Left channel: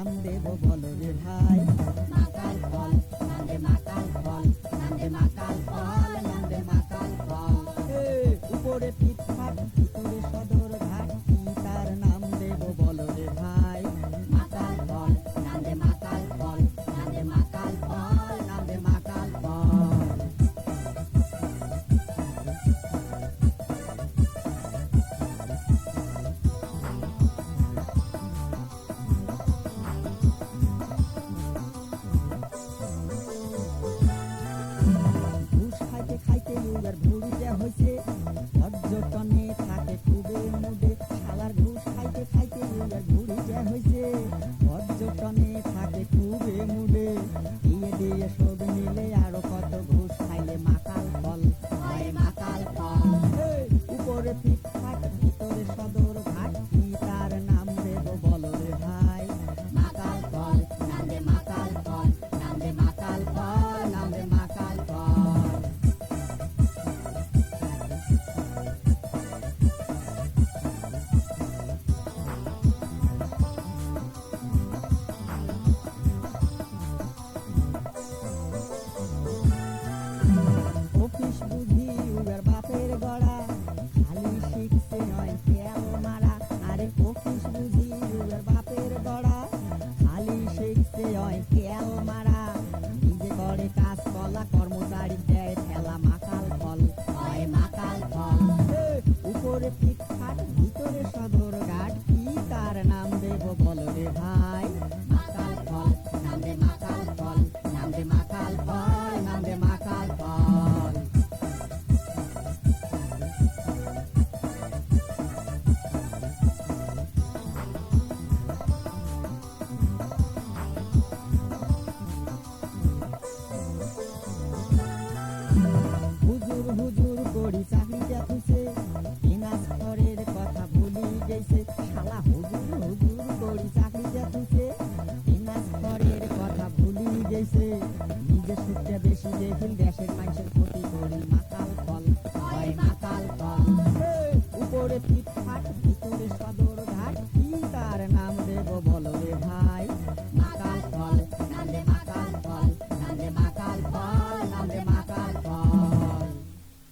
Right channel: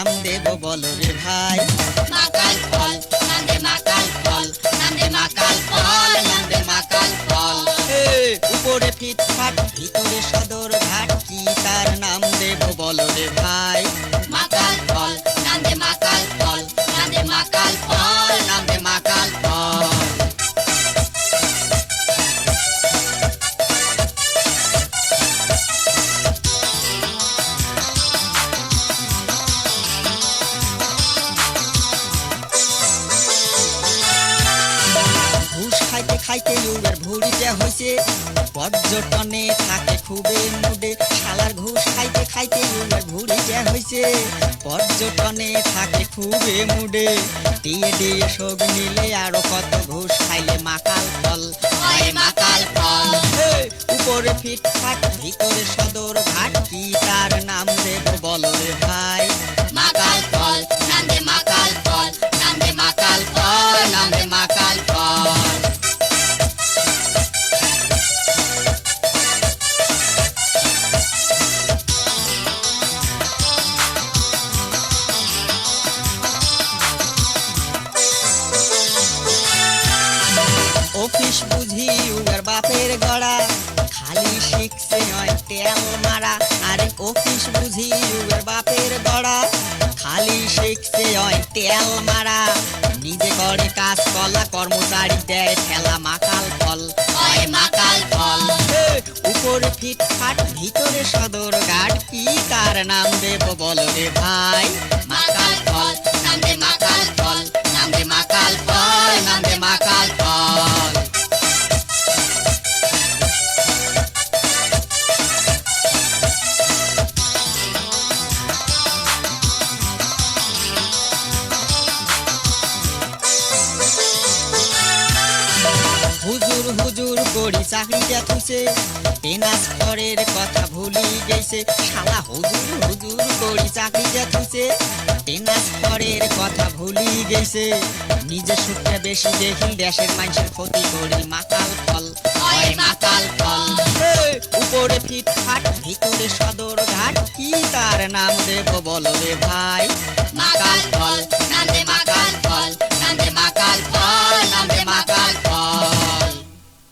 নাম দেব বলো রে ভাই। মাকাল ফল নান্দে মাকাল ফল নান্দে মাকাল ফল নান্দে মাকাল ফল। উপরে ফিটফাট ভিতরে সদর ঘাট, কি তার নাম দেব বলো রে ভাই। মাকাল ফল নান্দে মাকাল ফল নান্দে মাকাল ফল নান্দে মাকাল ফল। ঘুষ খাইতে খাইতে ইউবের ভুড়িতে হইছে, পর্যটনে থাকে খুবই মুডে। শালার ঘুষ খাইতে খাইতে ইউবের ভুড়িতে হইছে, পর্যটনে থাকে খুবই মুডে। দিয়ে দিয়ে শোক নিলে আরো কত ঘুষ খাইলে মাকাল ফল হয় মাকাল ফল। উপরে ফিটফাট ভিতরে সদর ঘাট, কি তার নাম দেব বলো রে ভাই। মাকাল ফল নান্দে মাকাল ফল নান্দে মাকাল ফল নান্দে মাকাল ফল। অফিস বুঝি উগার বাপের গড়া, খালি শিখছে নয় তেল মারা। আরে অফিস বুঝি উগার বাপের গড়া, খালি শিখছে নয় তেল মারা। নিজে করে কাজ কলা, কর্মচারী দেয় ঠেলা মাকাল ফল হয় মাকাল ফল। উপরে ফিটফাট ভিতরে সদর ঘাট, কি তার নাম দেব বলো রে ভাই। মাকাল ফল নান্দে মাকাল ফল নান্দে মাকাল ফল নান্দে মাকাল ফল। হুজুর হুজুর করি চাকরিটা থুইছে, ট্রান্সফারের কথা ভুলি গেছে। শালা হুজুর হুজুর করি চাকরিটা থুইছে, ট্রান্সফারের কথা ভুলি গেছে। নিজের সুখটা বেশি দেখি, দেশের মানুষের ক্ষতি করি মাকাল ফল হয় মাকাল ফল। উপরে ফিটফাট ভিতরে সদর ঘাট, কি তার নাম দেব বলো রে ভাই।